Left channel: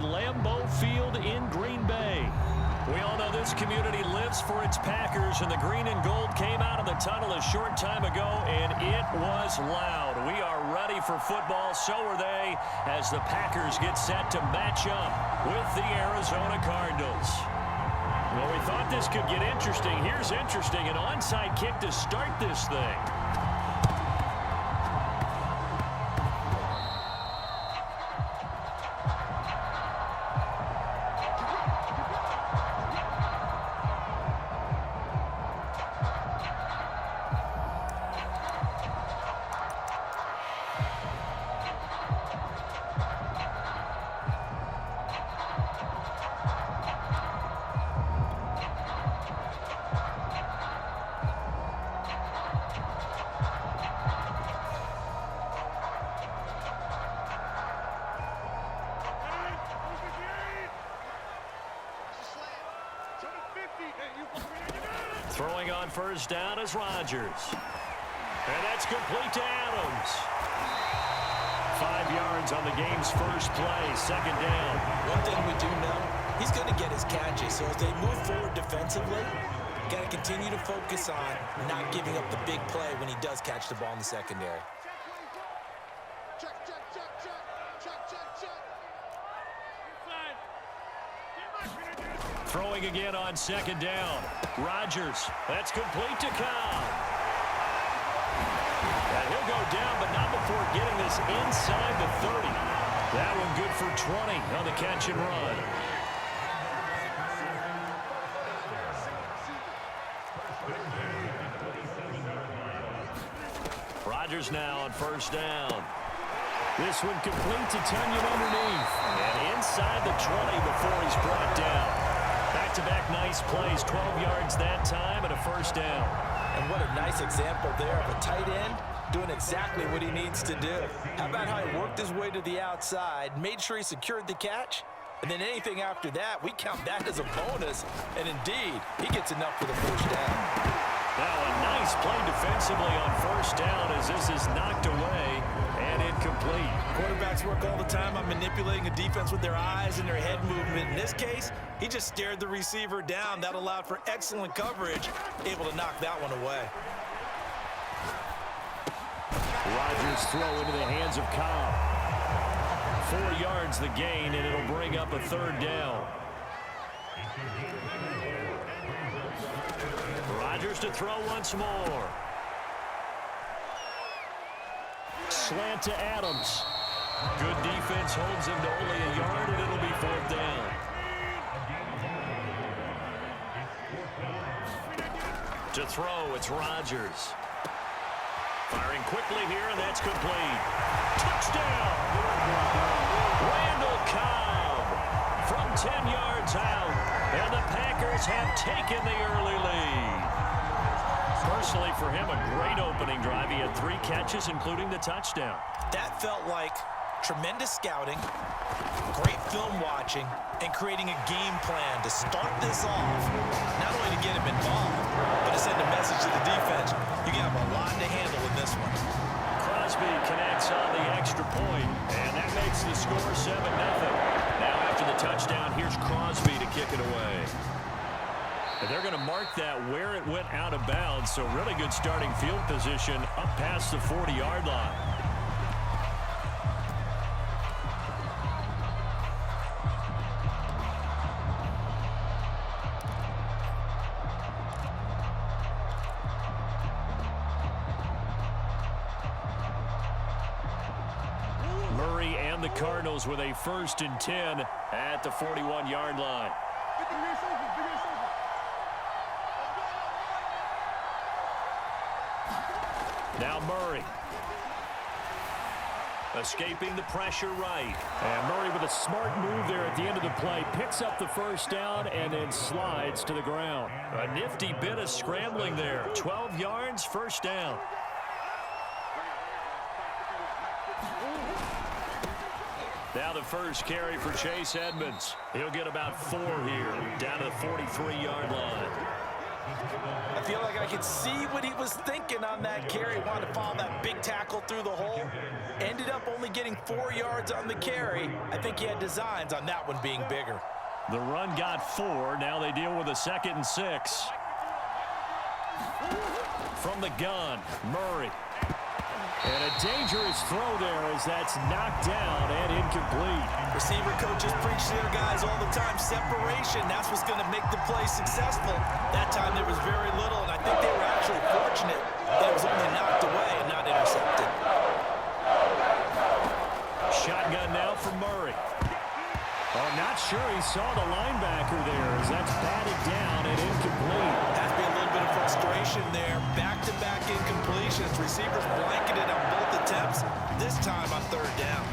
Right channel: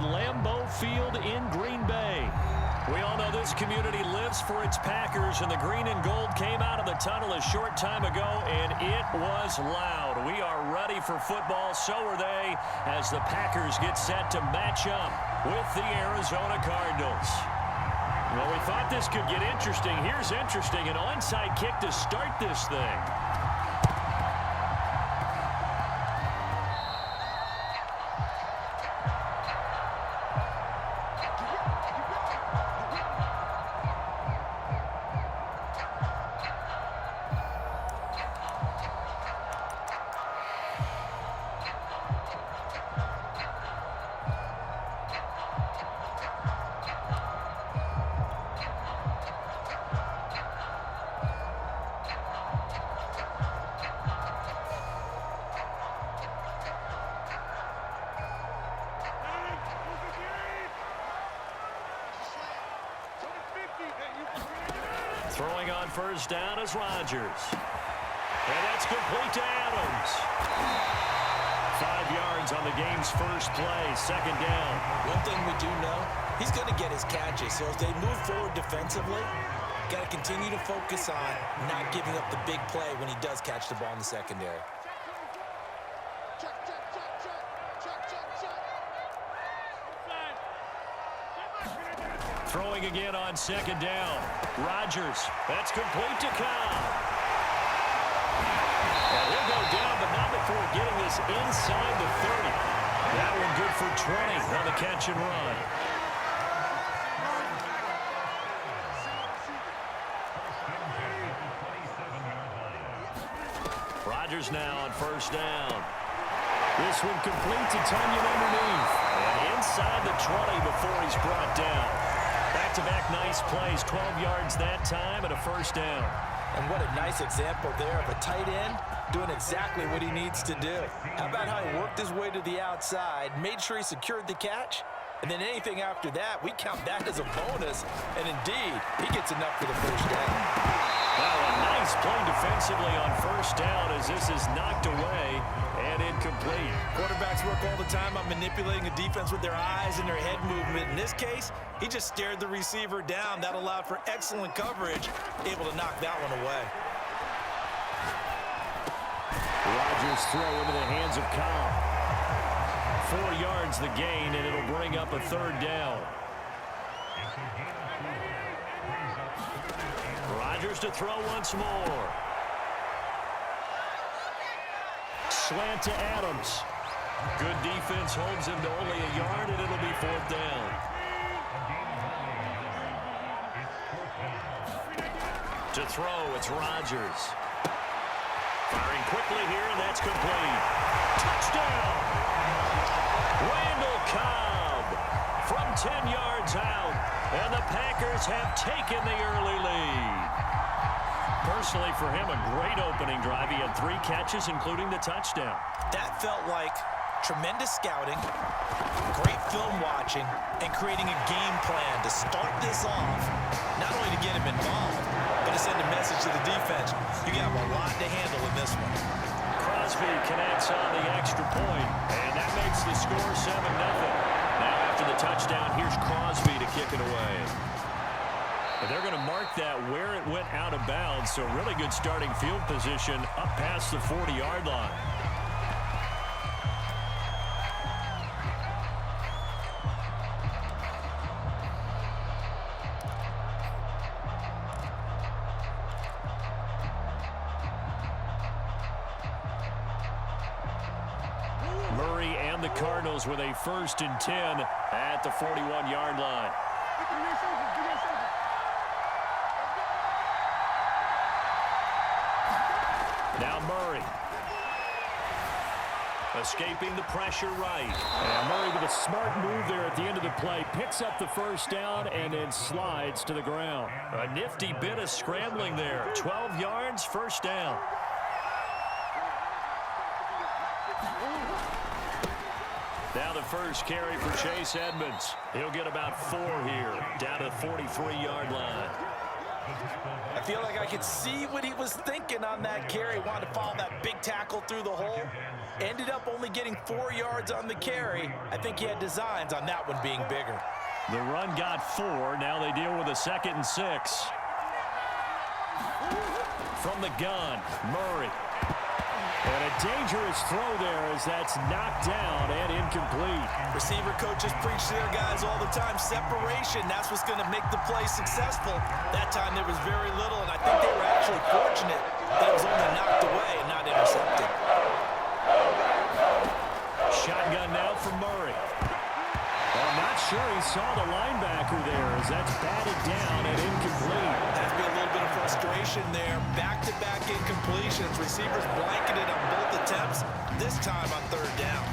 legendary Lambeau Field in Green Bay. We all know this community lives for its Packers, and the green and gold came out of the tunnel a short time ago, and it was loud. We are ready for football, so are they, as the Packers get set to match up with the Arizona Cardinals. Well, we thought this could get interesting. Here's interesting, an onside kick to start this thing. Throwing on first down is Rodgers. And that's complete to Adams. 5 yards on the game's first play, second down. One thing we do know, he's going to get his catches. So as they move forward defensively, got to continue to focus on not giving up the big play when he does catch the ball in the secondary. Throwing again on second down. Rodgers. That's complete to Cobb. And he'll go down, but not before getting this inside the 30. That one good for 20 on the catch and run. Rodgers now on first down. This one complete to Tunyon underneath. And inside the 20 before he's brought down. Back-to-back nice plays, 12 yards that time and a first down. And what a nice example there of a tight end doing exactly what he needs to do. How about how he worked his way to the outside, made sure he secured the catch, and then anything after that, we count that as a bonus. And indeed, he gets enough for the first down. Now a nice play defensively on first down as this is knocked away and incomplete. Quarterbacks work all the time on manipulating a defense with their eyes and their head movement. In this case, he just stared the receiver down. That allowed for excellent coverage, able to knock that one away. Rodgers throw into the hands of Cobb. 4 yards the gain, and it'll bring up a third down. Rodgers to throw once more. Slant to Adams. Good defense holds him to only a yard, and it'll be fourth down. To throw, it's Rodgers. Firing quickly here, and that's complete. Touchdown! Randall Cobb from 10 yards out, and the Packers have taken the early lead. Personally, for him, a great opening drive. He had 3 catches, including the touchdown. That felt like tremendous scouting, great film watching, and creating a game plan to start this off, not only to get him involved, but to send a message to the defense. You have a lot to handle in this one. Crosby connects on the extra point, and that makes the score 7-0. Now after the touchdown, here's Crosby to kick it away. And they're going to mark that where it went out of bounds, so really good starting field position up past the 40-yard line. Murray and the Cardinals with a 1st and 10 at the 41-yard line. Now Murray. Escaping the pressure right. And Murray with a smart move there at the end of the play. Picks up the first down and then slides to the ground. A nifty bit of scrambling there. 12 yards, first down. Now the first carry for Chase Edmonds. He'll get about 4 here, down to the 43-yard line. I feel like I could see what he was thinking on that carry. Wanted to follow that big tackle through the hole. Ended up only getting 4 yards on the carry. I think he had designs on that one being bigger. The run got 4. Now they deal with a 2nd and 6. From the gun, Murray. And a dangerous throw there as that's knocked down and incomplete. Receiver coaches preach to their guys all the time. Separation, that's what's going to make the play successful. That time there was very little, and I think they were actually fortunate that it was only knocked away and not intercepted. Shotgun now for Murray. Oh, not sure he saw the linebacker there as that's batted down and incomplete. Has to be a little bit of frustration there. Back-to-back incompletions. Receivers blanketed on both attempts, this time on 3rd down.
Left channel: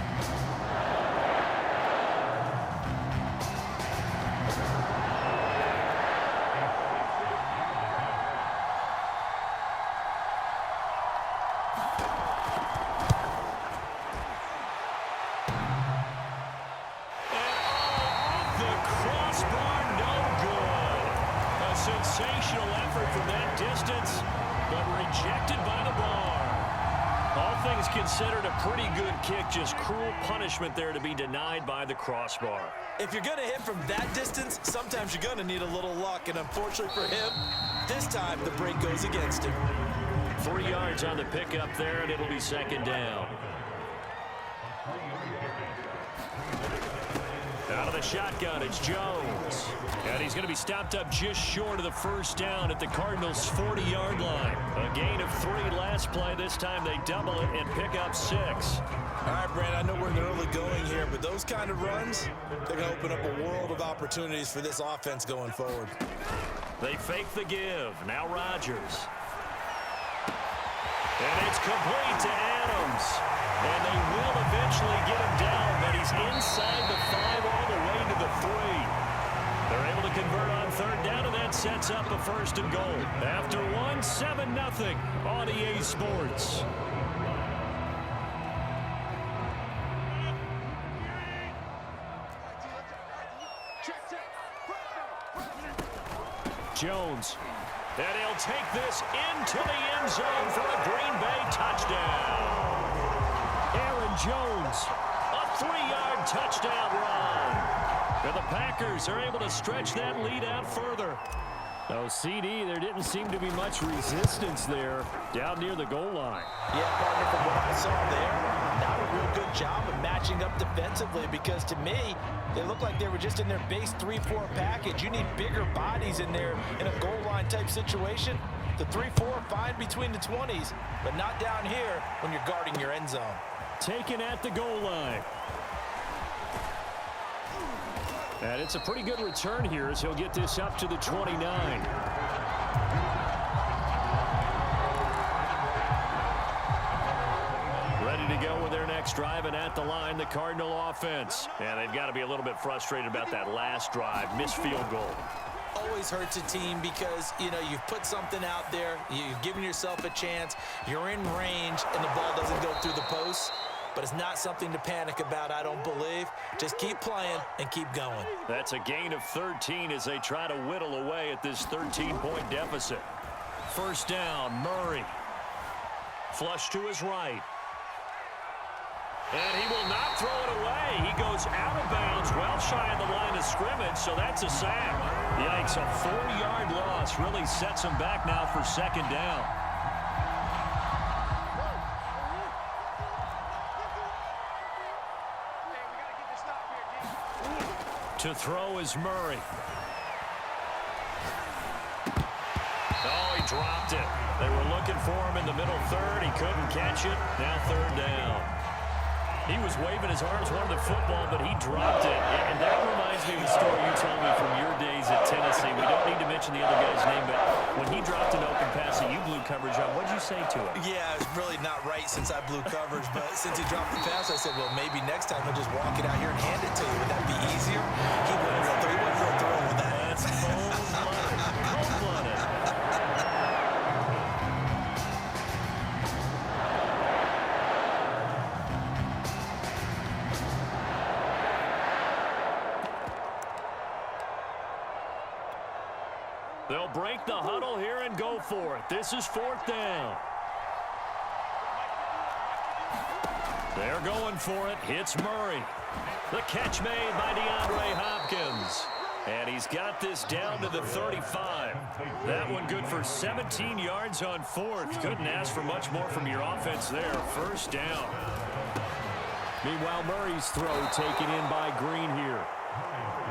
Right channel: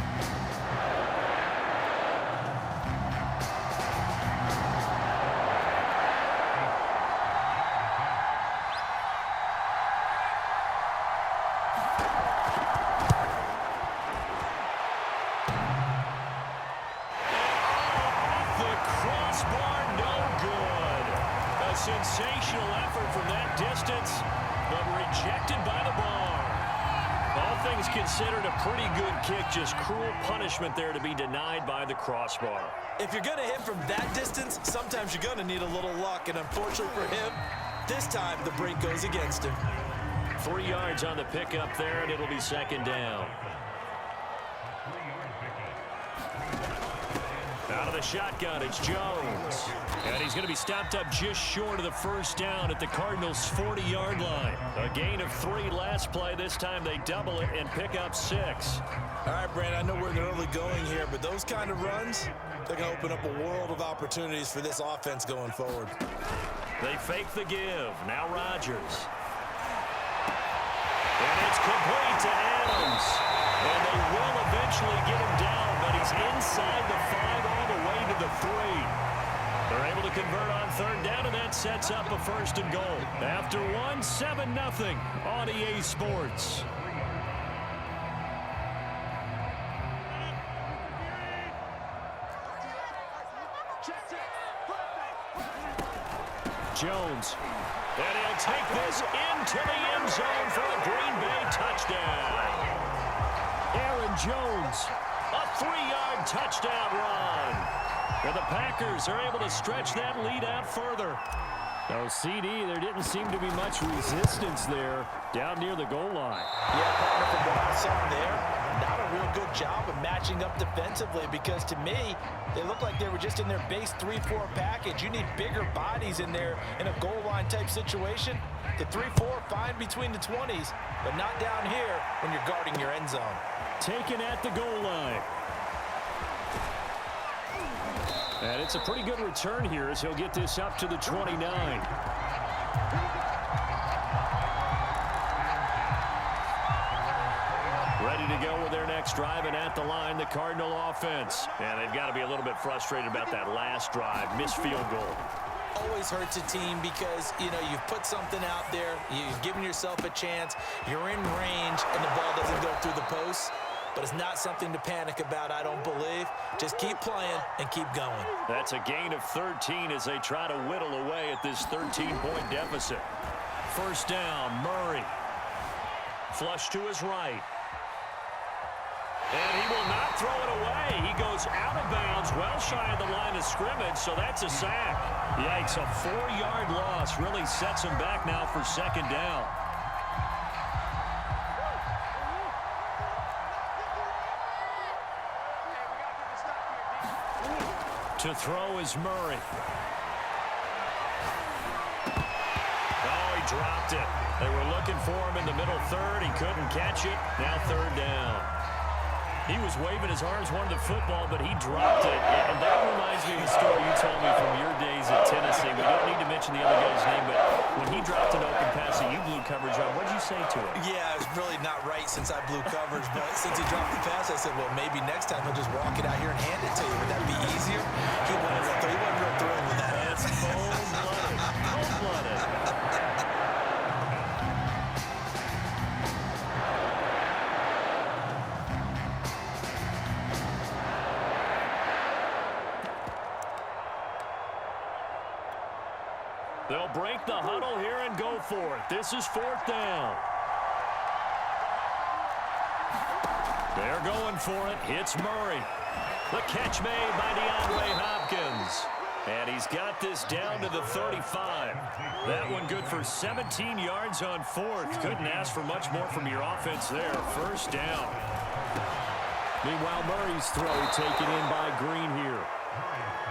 Crossbar, no good. A sensational effort from that distance, but rejected by the bar. All things considered, a pretty good kick. Just cruel punishment there to be denied by the crossbar. If you're going to hit from that distance, sometimes you're going to need a little luck. And unfortunately for him, this time the break goes against him. 3 yards on the pickup there, and it'll be 2nd down. Out of the shotgun, it's Jones. And he's going to be stopped up just short of the 1st down at the Cardinals' 40-yard line. A gain of 3 last play. This time they double it and pick up 6. All right, Brand, I know we're in the early going here, but those kind of runs, they're going to open up a world of opportunities for this offense going forward. They fake the give. Now Rodgers. And it's complete to Adams. And they will eventually get him down, but he's inside the 5 all the way to the 3. They're able to convert on 3rd down, and that sets up a 1st and goal. After 1, 7-0 on EA Sports. Jones. And he'll take this into the end zone for a Green Bay touchdown. Aaron Jones, a 3-yard touchdown run. And the Packers are able to stretch that lead out further. No, CD, there didn't seem to be much resistance there down near the goal line. Yeah, partner, from what I saw there, not a real good job of matching up defensively, because to me, they looked like they were just in their base 3-4 package. You need bigger bodies in there in a goal line type situation. The 3-4, fine between the 20s, but not down here when you're guarding your end zone. Taken at the goal line. And it's a pretty good return here as he'll get this up to the 29. Ready to go with their next drive, and at the line, the Cardinal offense. And they've got to be a little bit frustrated about that last drive, missed field goal. Always hurts a team because, you know, you've put something out there, you've given yourself a chance, you're in range, and the ball doesn't go through the posts. But it's not something to panic about, I don't believe. Just keep playing and keep going. That's a gain of 13 as they try to whittle away at this 13-point deficit. 1st down, Murray. Flush to his right. And he will not throw it away. He goes out of bounds, well shy of the line of scrimmage, so that's a sack. Yikes, a 4-yard loss really sets him back now for 2nd down. To throw is Murray. Oh, he dropped it. They were looking for him in the middle 3rd. He couldn't catch it. Now 3rd down. He was waving his arms, wanted the football, but he dropped it. And that reminds me of the story you told me from your days at Tennessee. We don't need to mention the other guy's name, but when he dropped an open pass that you blew coverage on, what did you say to him? Yeah, it's really not right since I blew coverage, but since he dropped the pass, I said, well, maybe next time he'll just walk it out here and hand it to you. Would that be easier? He wasn't real thrilled with that. That's cold-blooded. Cold-blooded. They'll break the huddle here and go for it. This is 4th down. They're going for it. It's Murray. The catch made by DeAndre Hopkins. And he's got this down to the 35. That one good for 17 yards on 4th. Couldn't ask for much more from your offense there. 1st down. Meanwhile, Murray's throw taken in by Green here.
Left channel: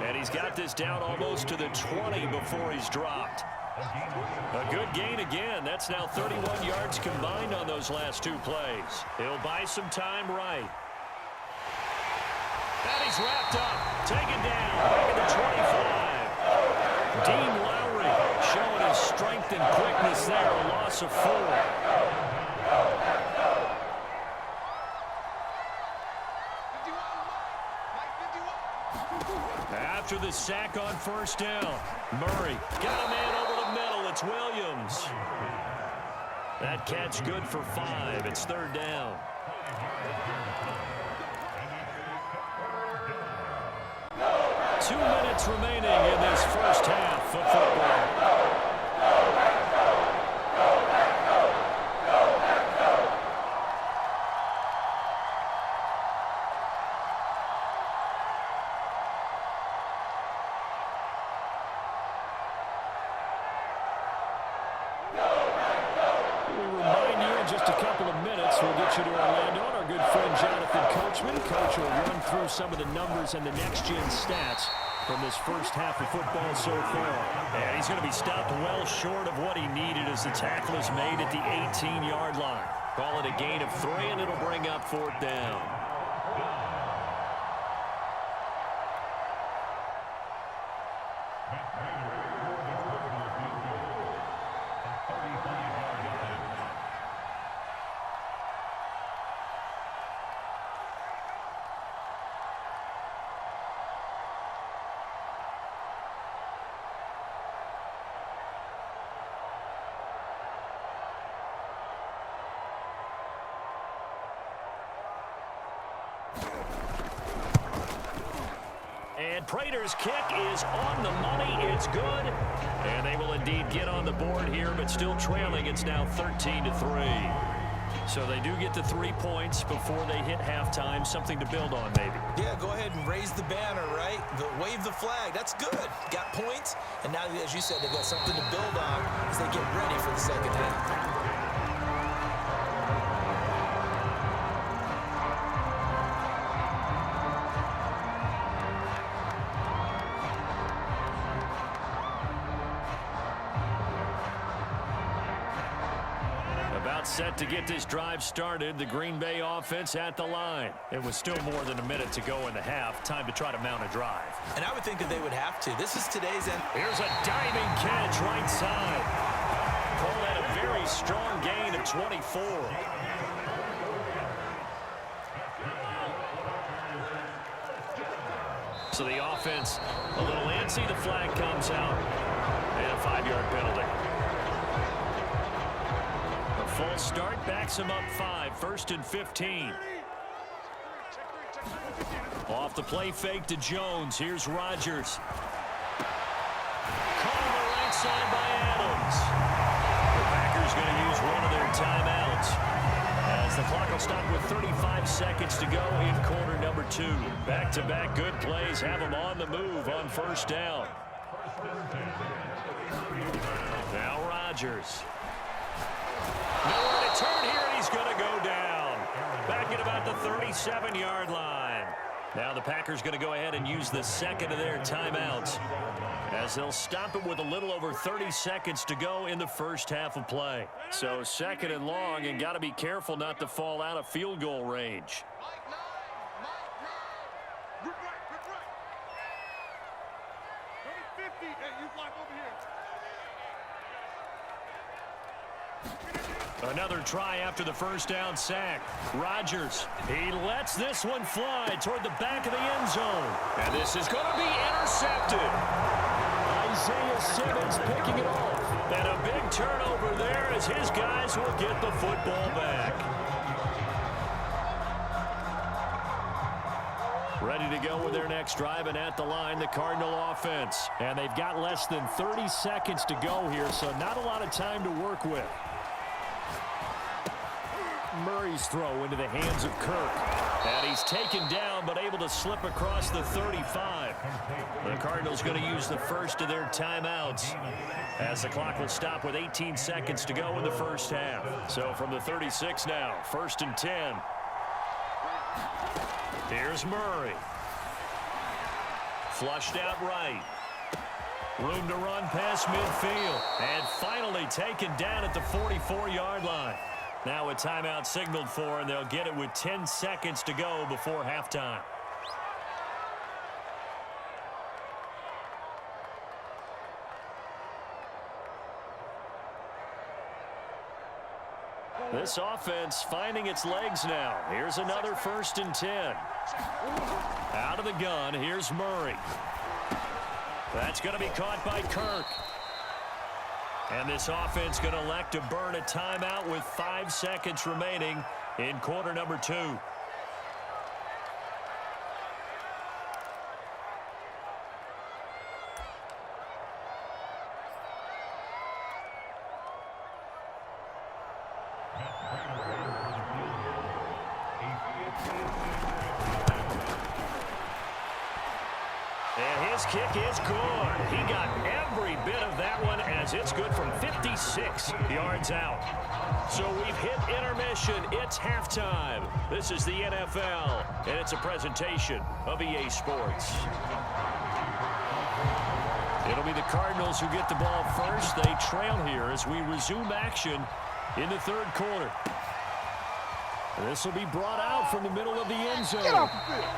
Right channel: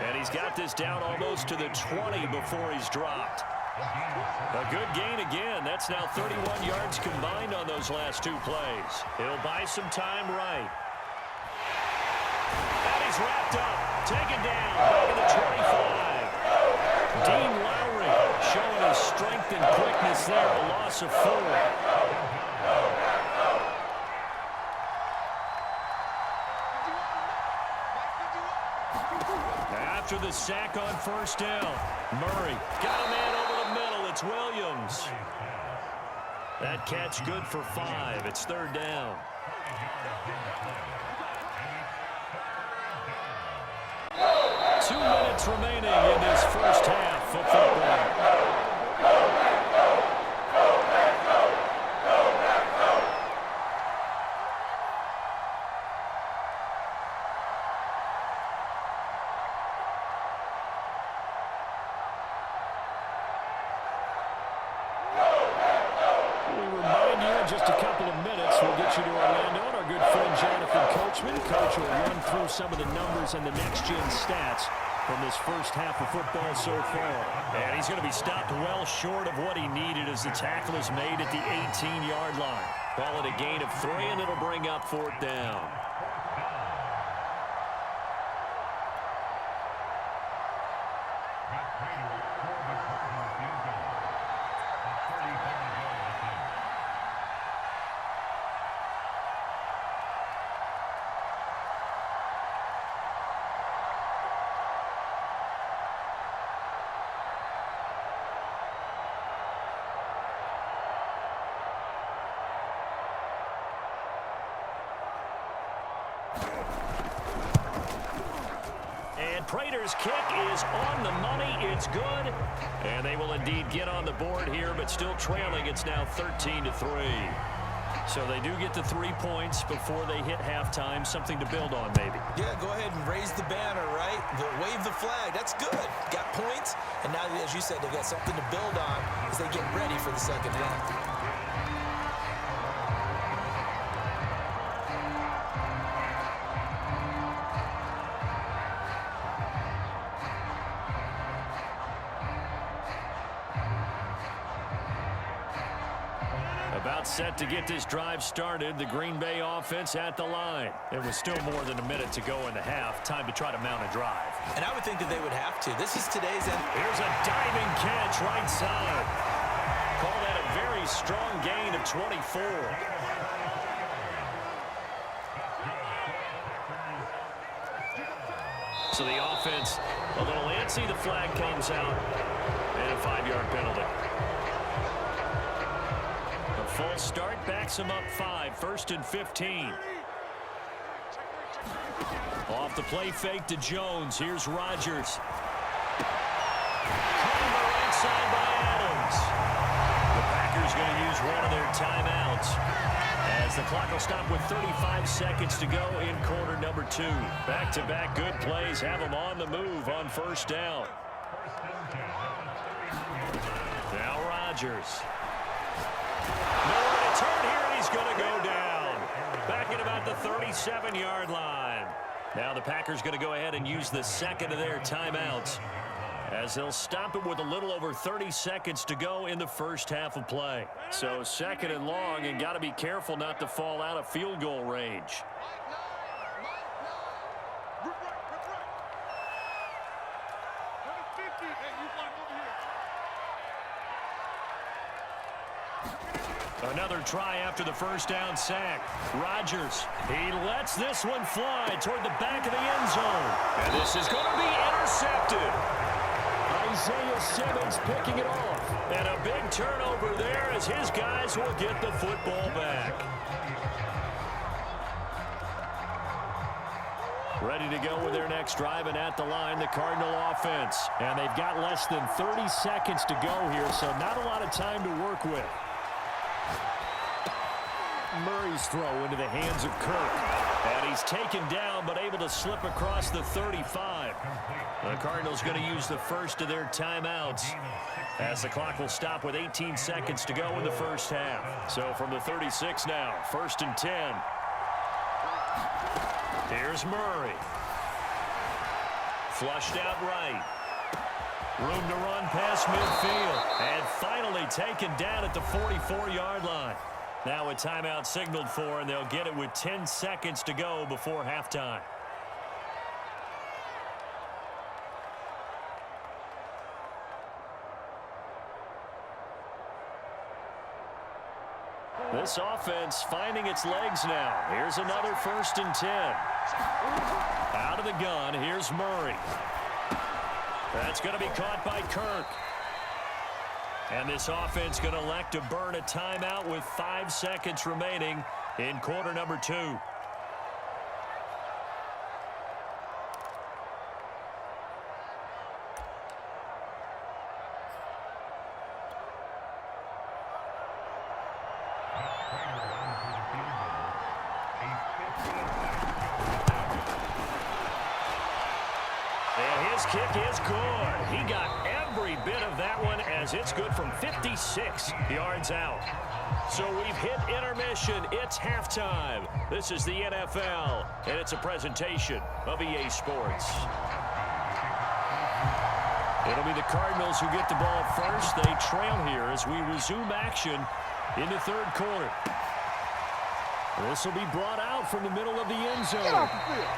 And he's got this down almost to the 20 before he's dropped. A good gain again. That's now 31 yards combined on those last 2 plays. He'll buy some time right. And he's wrapped up. Taken down. Back at the 25. Dean Lowry showing his strength and quickness there. A loss of 4. After the sack on 1st down, Murray got a man over the middle. It's Williams. That catch good for 5. It's 3rd down. Two minutes remaining in this first half of football. Just a couple of minutes, we'll get you to Orlando and our good friend Jonathan Coachman. Coach will run through some of the numbers and the next-gen stats from this first half of football so far. And he's going to be stopped well short of what he needed as the tackle is made at the 18-yard line. Call it a gain of 3, and it'll bring up 4th down. And Prater's kick is on the money. It's good. And they will indeed get on the board here, but still trailing. It's now 13-3. So they do get the 3 points before they hit halftime. Something to build on, maybe. Yeah, go ahead and raise the banner, right? Wave the flag. That's good. Got points. And now, as you said, they've got something to build on as they get ready for the second half. About set to get this drive started. The Green Bay offense at the line. It was still more than a minute to go in the half. Time to try to mount a drive. And I would think that they would have to. This is today's end. Here's a diving catch right side. Call that a very strong gain of 24. So the offense a little antsy. The flag comes out. And a 5-yard penalty. A full start backs him up 5. 1st and 15. Off the play fake to Jones. Here's Rodgers. Caught on the right side by Adams. The Packers going to use one of their timeouts as the clock will stop with 35 seconds to go in quarter number 2. Back-to-back good plays have them on the move on 1st down. Now Rodgers. Nowhere to turn here, and he's going to go down. Back at about the 37-yard line. Now the Packers going to go ahead and use the second of their timeouts as they'll stop it with a little over 30 seconds to go in the first half of play. So 2nd and long, and got to be careful not to fall out of field goal range. Another try after the 1st down sack. Rodgers, he lets this one fly toward the back of the end zone. And this is going to be intercepted. Isaiah Simmons picking it off. And a big turnover there as his guys will get the football back. Ready to go with their next drive, and at the line, the Cardinal offense. And they've got less than 30 seconds to go here, so not a lot of time to work with. Murray's throw into the hands of Kirk. And he's taken down, but able to slip across the 35. The Cardinals going to use the first of their timeouts, as the clock will stop with 18 seconds to go in the first half. So from the 36 now, 1st and 10. Here's Murray. Flushed out right. Room to run past midfield. And finally taken down at the 44-yard line. Now a timeout signaled for, and they'll get it with 10 seconds to go before halftime. This offense finding its legs now. Here's another 1st and 10. Out of the gun, here's Murray. That's going to be caught by Kirk. And this offense going to elect to burn a timeout with 5 seconds remaining in quarter number 2. And his kick is good. He got every bit of that one, as it's good from 56 yards out. So we've hit intermission. It's halftime. This is the NFL, and it's a presentation of EA Sports. It'll be the Cardinals who get the ball first. They trail here as we resume action in the 3rd quarter. This will be brought out from the middle of the end zone. Get off the field.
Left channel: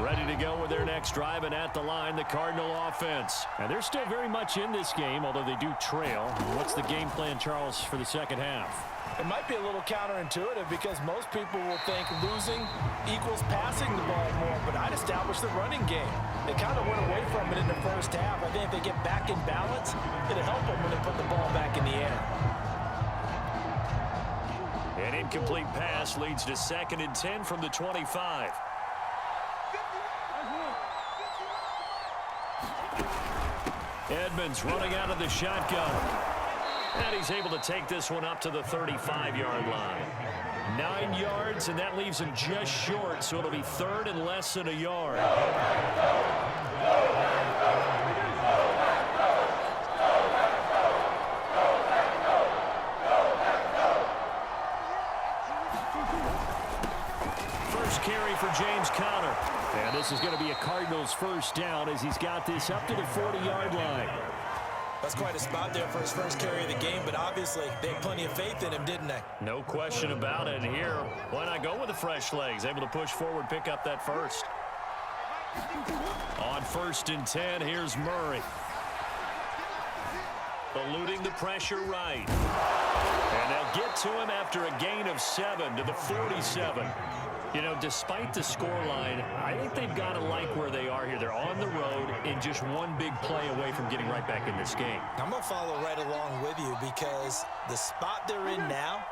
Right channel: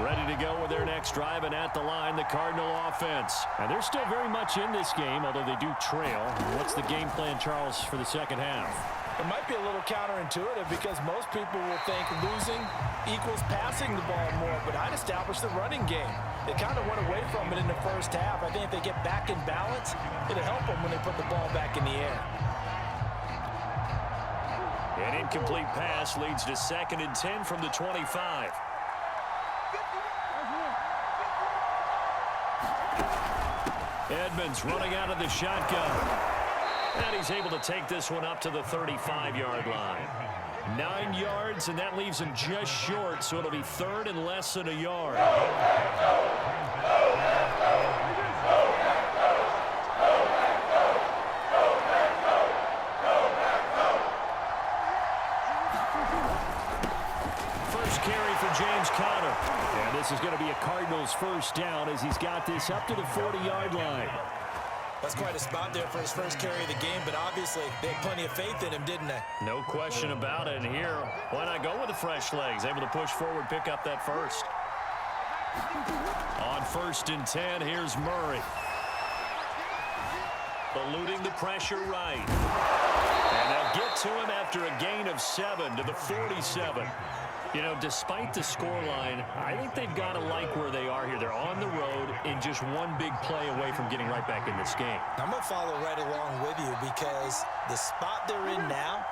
Ready to go with their next drive, and at the line, the Cardinal offense. And they're still very much in this game, although they do trail. What's the game plan, Charles, for the second half? It might be a little counterintuitive because most people will think losing equals passing the ball more, but I'd establish the running game. They kind of went away from it in the first half. I think if they get back in balance, it'll help them when they put the ball back in the air. An incomplete pass leads to 2nd and 10 from the 25. Edmonds running out of the shotgun. And he's able to take this one up to the 35-yard line. 9 yards, and that leaves him just short, so it'll be 3rd and less than a yard. First carry for James Conner. And this is going to be a Cardinals first down as he's got this up to the 40-yard line. That's quite a spot there for his first carry of the game, but obviously they had plenty of faith in him, didn't they? No question about it. And here, why not go with the fresh legs? Able to push forward, pick up that first. On 1st and 10, here's Murray. Eluding the pressure right. And they'll get to him after a gain of 7 to the 47. You know, despite the scoreline, I think they've got to like where they are here. They're on the road and just one big play away from getting right back in this game. I'm going to follow right along with you because the spot they're in now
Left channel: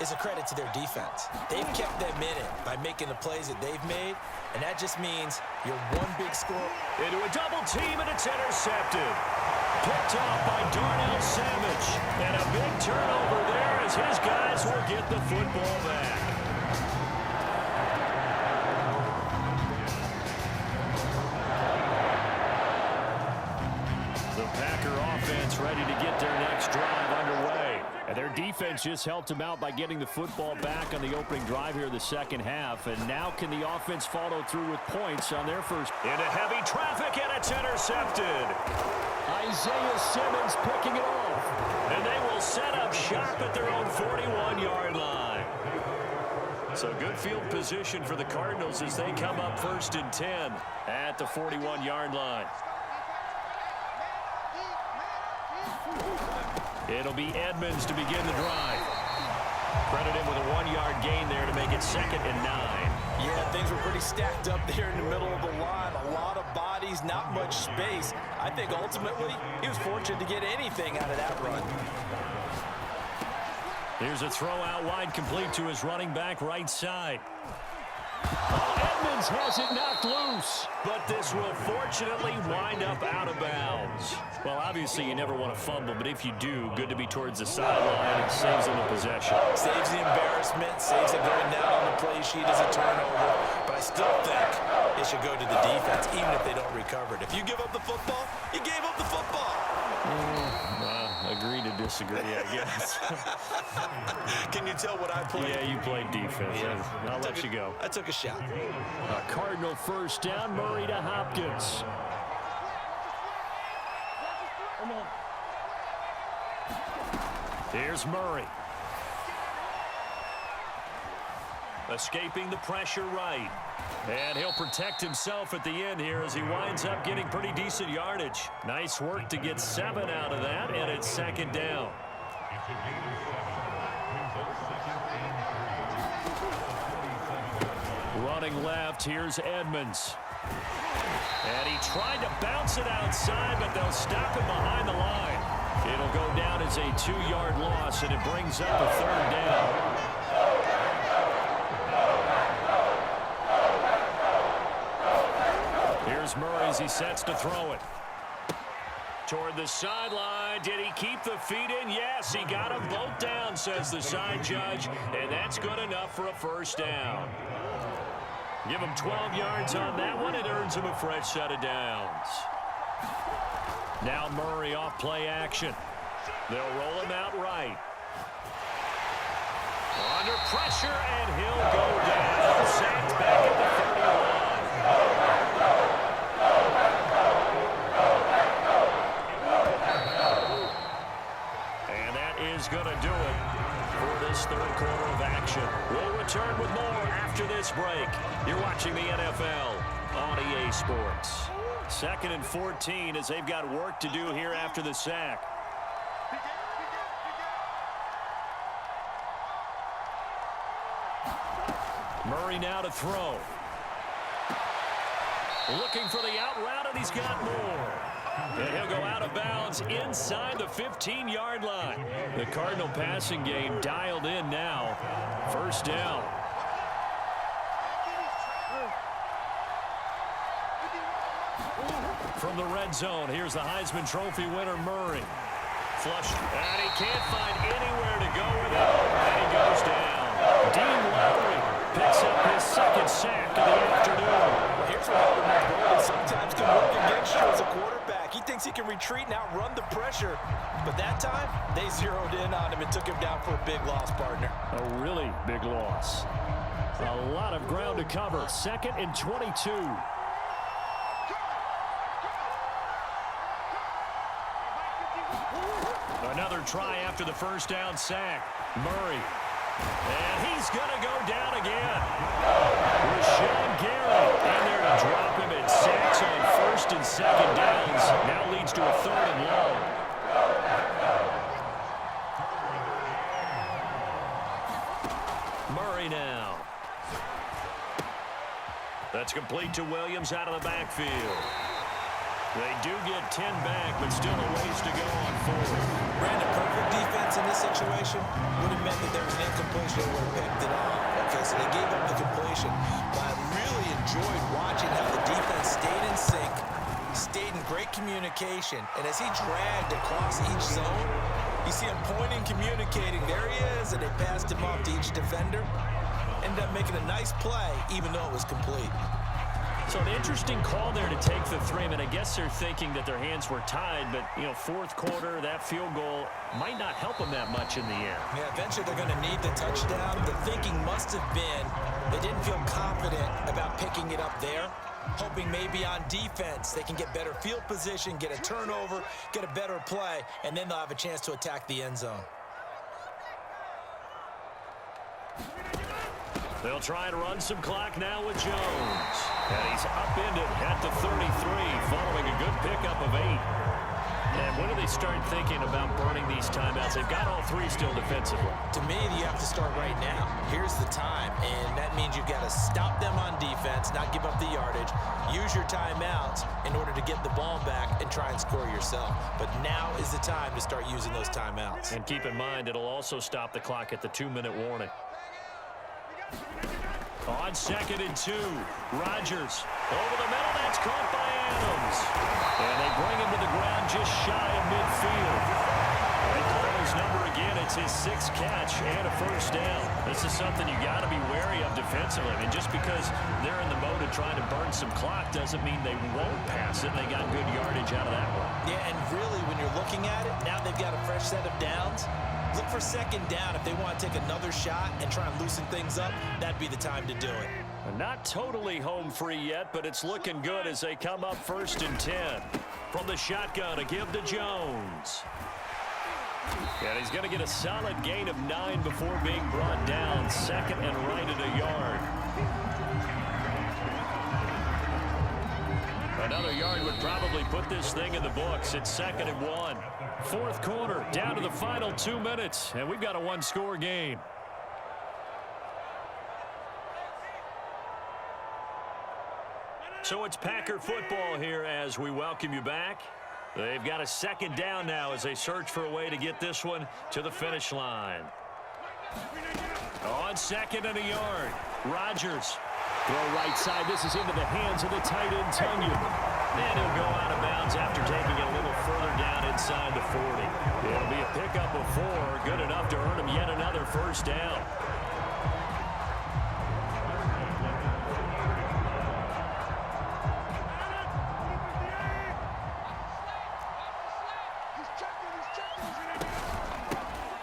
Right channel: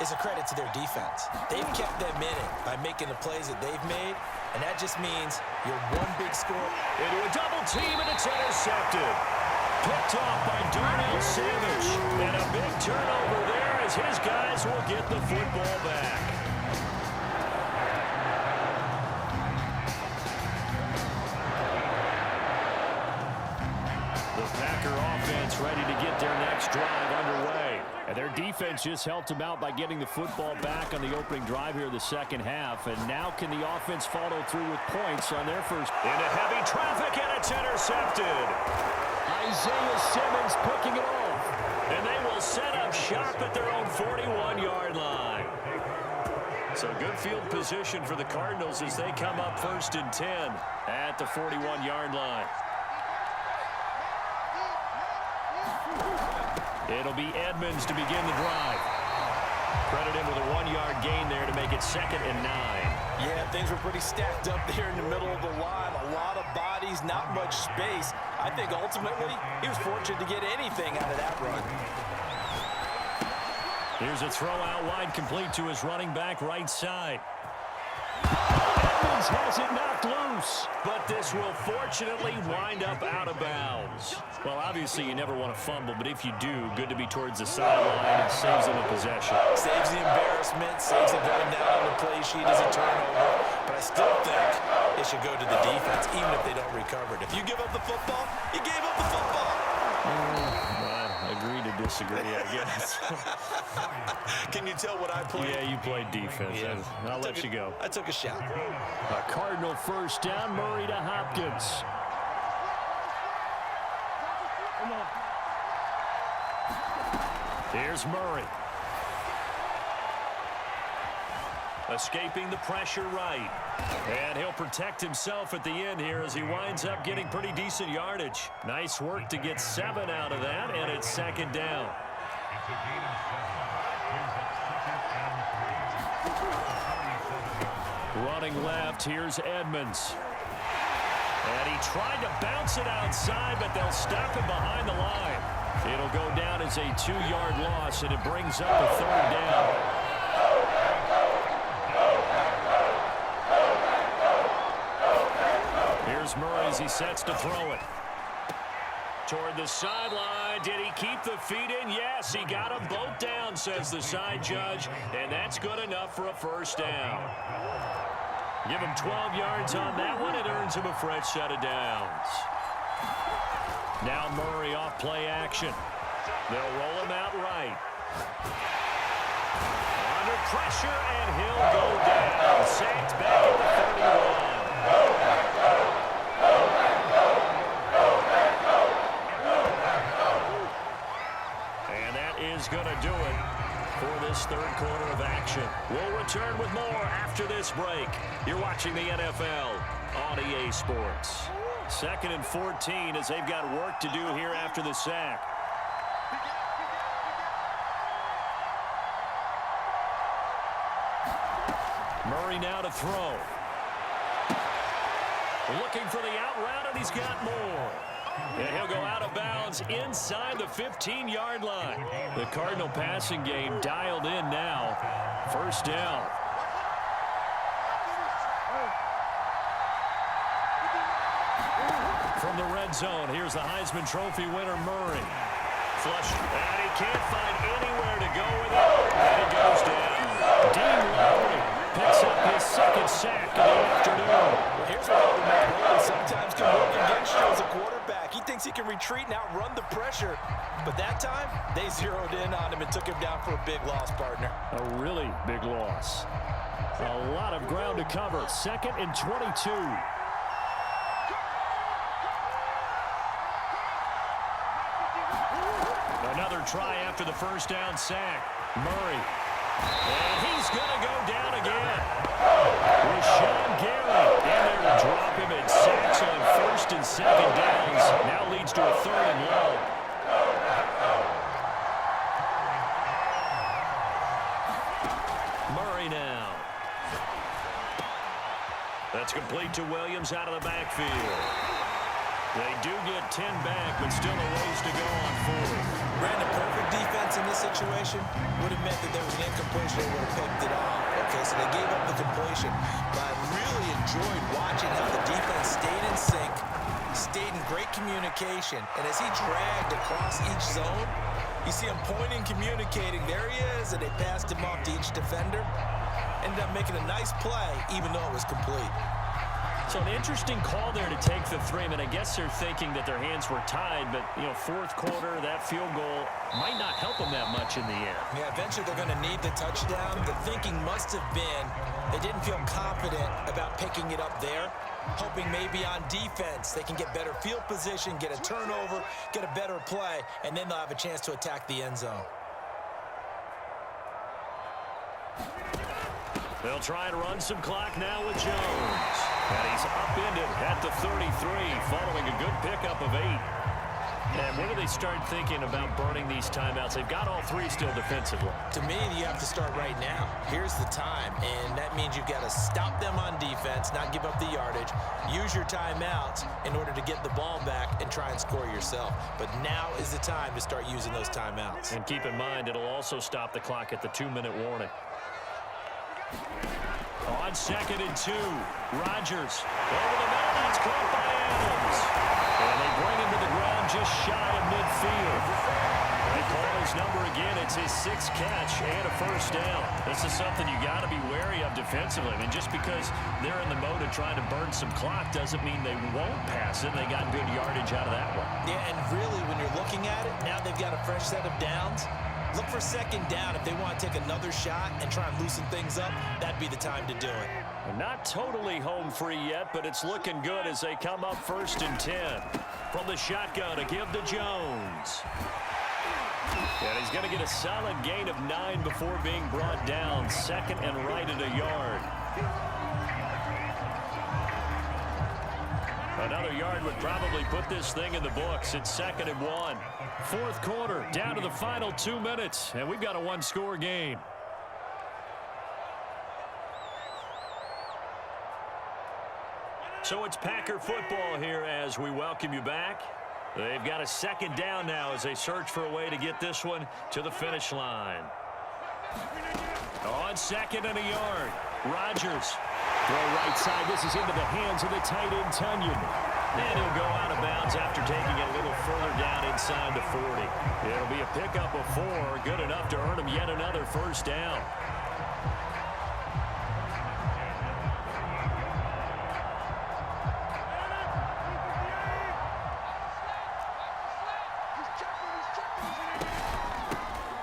is a credit to their defense. They've kept them in it by making the plays that they've made, and that just means you're one big score. Into a double team, and it's intercepted. Picked off by Darnell Savage. And a big turnover there as his guys will get the football back. The Packer offense ready to get their next drive underway. And their defense just helped them out by getting the football back on the opening drive here in the second half. And now can the offense follow through with points on their first? Into heavy traffic, and it's intercepted. Isaiah Simmons picking it off. And they will set up shop at their own 41-yard line. So good field position for the Cardinals as they come up 1st and 10 at the 41-yard line. It'll be Edmonds to begin the drive. Credit him with a 1-yard gain there to make it 2nd and 9. Yeah, things were pretty stacked up there in the middle of the line. A lot of bodies, not much space. I think ultimately he was fortunate to get anything out of that run. Here's a throw out wide, complete to his running back right side. Edmonds has it knocked loose, but this will fortunately wind up out of bounds. Well, obviously you never want to fumble, but if you do, good to be towards the sideline. It saves them a possession. Saves the embarrassment, saves it going down on the play sheet as a turnover, but I still think it should go to the defense, even if they don't recover it. If you give up the football, you gave up the football. Agree to disagree, I guess. Can you tell what I played? Yeah, you played defense. Yeah. I'll let you go. I took a shot. A Cardinal first down, Murray to Hopkins. Here's Murray. Escaping the pressure right. And he'll protect himself at the end here as he winds up getting pretty decent yardage. Nice work to get 7 out of that, and it's second down. Running left, here's Edmonds. And he tried to bounce it outside, but they'll stop him behind the line. It'll go down as a 2-yard loss, and it brings up a third down. Here's Murray as he sets to throw it. Toward the sideline. Did he keep the feet in? Yes, he got them both down, says the side judge, and that's good enough for a first down. Give him 12 yards on that one. It earns him a fresh set of downs. Now Murray off play action. They'll roll him out right. Under pressure, and he'll go down. Sacked back at the 31. And that is going to do it for this third quarter of action. We'll return with more after this break. You're watching the NFL on EA Sports. 2nd and 14 as they've got work to do here after the sack. Murray now to throw. Looking for the out route, and he's got more. And he'll go out of bounds inside the 15-yard line. The Cardinal passing game dialed in now. First down. From the red zone, here's the Heisman Trophy winner, Murray. Flush, and he can't find anywhere to go with it, and he goes down. Dean Lowry picks up his 2nd sack of the afternoon. Well, here's what happened, mobility sometimes can work against you as a quarterback. He thinks he can retreat and outrun the pressure, but that time, they zeroed in on him and took him down for a big loss, partner. A really big loss. A lot of ground to cover. 2nd and 22. Another try after the first down sack. Murray. And he's going to go down again. Rashawn Gary in there to drop him, and sacks on 1st and 2nd downs. Now leads to a 3rd and long. Murray now. That's complete to Williams out of the backfield. They do get 10 back, but still a ways to go on 4th. Brandon, perfect defense in this situation would have meant that there was an incompletion. They would have picked it off. Okay, so they gave up the completion. But I really enjoyed watching how the defense stayed in sync, stayed in great communication. And as he dragged across each zone, you see him pointing, communicating. There he is, and they passed him off to each defender. Ended up making a nice play, even though it was complete. So an interesting call there to take the 3. I mean, I guess they're thinking that their hands were tied, but, you know, 4th quarter, that field goal might not help them that much in the end. Yeah, eventually they're going to need the touchdown. The thinking must have been they didn't feel confident about picking it up there, hoping maybe on defense they can get better field position, get a turnover, get a better play, and then they'll have a chance to attack the end zone. They'll try and run some clock now with Jones. And he's upended at the 33 following a good pickup of 8. And when do they start thinking about burning these timeouts? They've got all three still defensively. To me, you have to start right now. Here's the time, and that means you've got to stop them on defense, not give up the yardage, use your timeouts in order to get the ball back and try and score yourself. But now is the time to start using those timeouts. And keep in mind, it'll also stop the clock at the 2-minute warning. On 2nd and 2, Rodgers over the middle. That's caught by Adams. And they bring him to the ground just shy of midfield. They call his number again. It's his 6th catch and a first down. This is something you got to be wary of defensively. I mean, just because they're in the mode of trying to burn some clock doesn't mean they won't pass it, and they got good yardage out of that one. Yeah, and really, when you're looking at it, now they've got a fresh set of downs. Look for 2nd down. If they want to take another shot and try and loosen things up, that'd be the time to do it. Not totally home free yet, but it's looking good as they come up 1st and 10. From the shotgun, a give to Jones. And he's going to get a solid gain of 9 before being brought down. 2nd and right at a yard. Another yard would probably put this thing in the books. It's 2nd and 1. 4th quarter, down to the final 2 minutes, and we've got a one-score game. So it's Packer football here as we welcome you back. They've got a 2nd down now as they search for a way to get this one to the finish line. On 2nd and a yard, Rodgers. Throw right side. This is into the hands of the tight end, Tunyon. And he'll go out of bounds after taking it a little further down inside the 40. It'll be a pickup of 4, good enough to earn him yet another first down.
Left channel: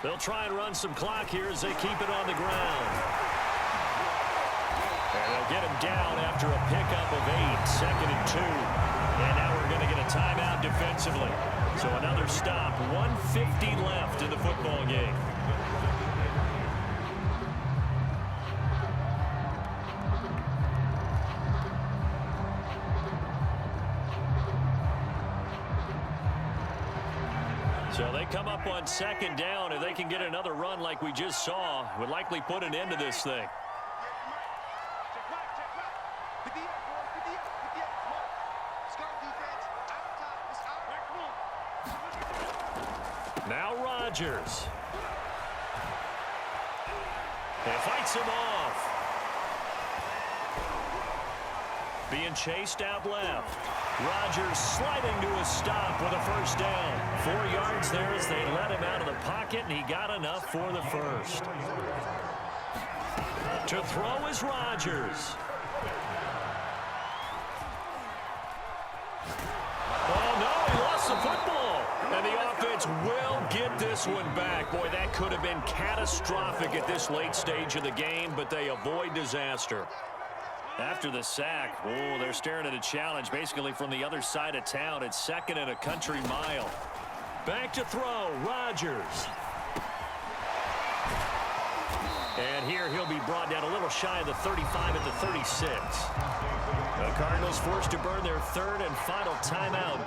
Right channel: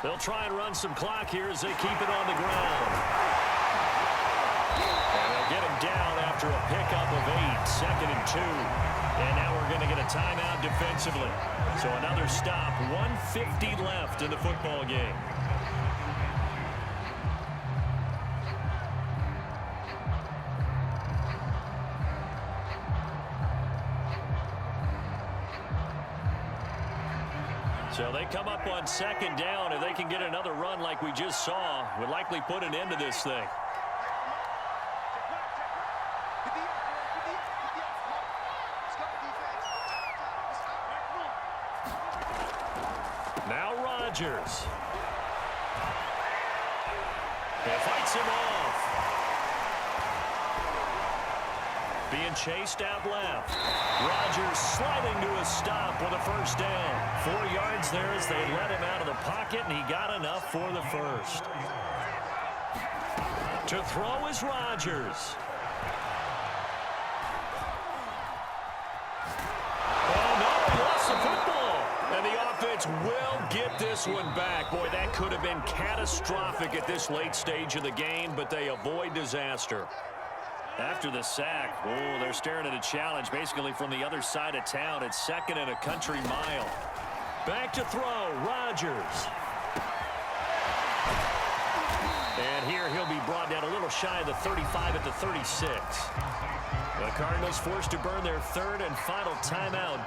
They'll try and run some clock here as they keep it on the ground. And they'll get him down after a pickup of 8, 2nd and 2. And now we're going to get a timeout defensively. So another stop, 1:50 left in the football game. So they come up on 2nd down. If they can get another run like we just saw, would likely put an end to this thing. Now Rodgers. And fights him off. Being chased out left. Rodgers sliding to a stop with a first down. 4 yards there as they let him out of the pocket, and he got enough for the first. To throw is Rodgers. Oh, no, he lost the football. And the offense will get this one back. Boy, that could have been catastrophic at this late stage of the game, but they avoid disaster. After the sack, oh, they're staring at a challenge basically from the other side of town. It's 2nd and a country mile. Back to throw, Rodgers. And here he'll be brought down a little shy of the 35 at the 36. The Cardinals forced to burn their 3rd and final timeout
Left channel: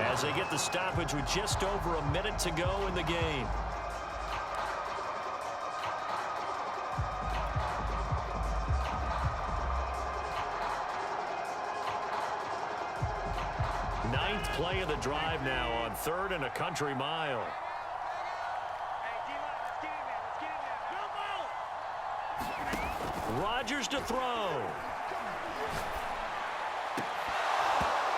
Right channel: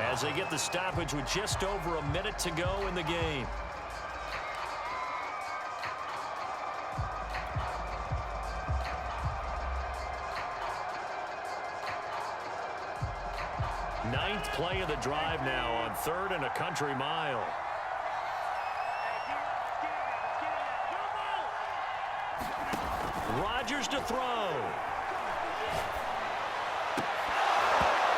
as they get the stoppage with just over a minute to go in the game. Ninth play of the drive now on 3rd and a country mile. Rodgers to throw.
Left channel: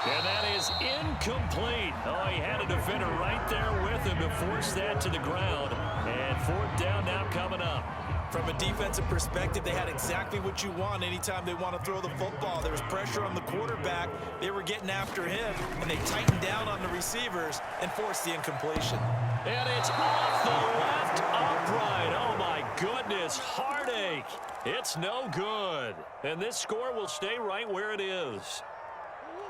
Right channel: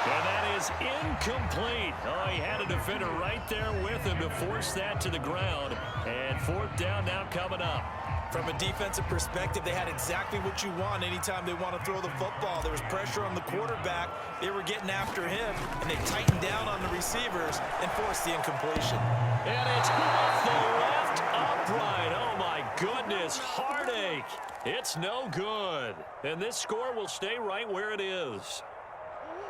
And that is incomplete. Oh, he had a defender right there with him to force that to the ground. And 4th down now coming up. From a defensive perspective, they had exactly what you want anytime they want to throw the football. There was pressure on the quarterback. They were getting after him, and they tightened down on the receivers and forced the incompletion. And it's off the left upright. Oh, my goodness. Heartache. It's no good. And this score will stay right where it is.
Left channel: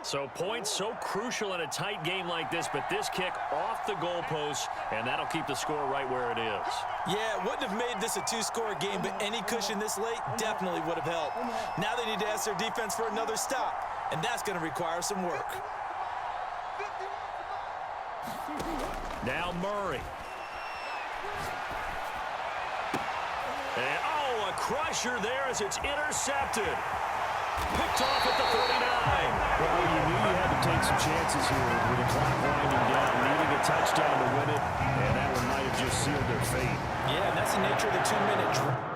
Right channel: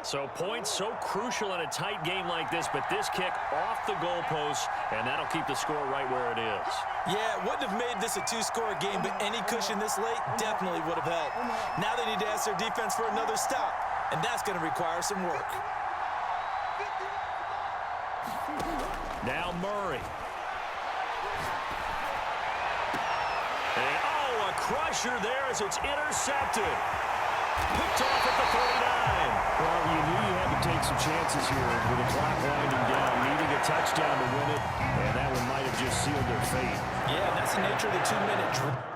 So points so crucial in a tight game like this, but this kick off the goalpost, and that'll keep the score right where it is. Yeah, it wouldn't have made this a 2-score game, but any cushion this late definitely would have helped. Now they need to ask their defense for another stop, and that's going to require some work. Now Murray. And, oh, a crusher there as it's intercepted. Picked off at the 39. Well, you knew you had to take some chances here with the clock winding down, needing a touchdown to win it, and that one might have just sealed their fate. Yeah, and that's the nature of the 2-minute drill.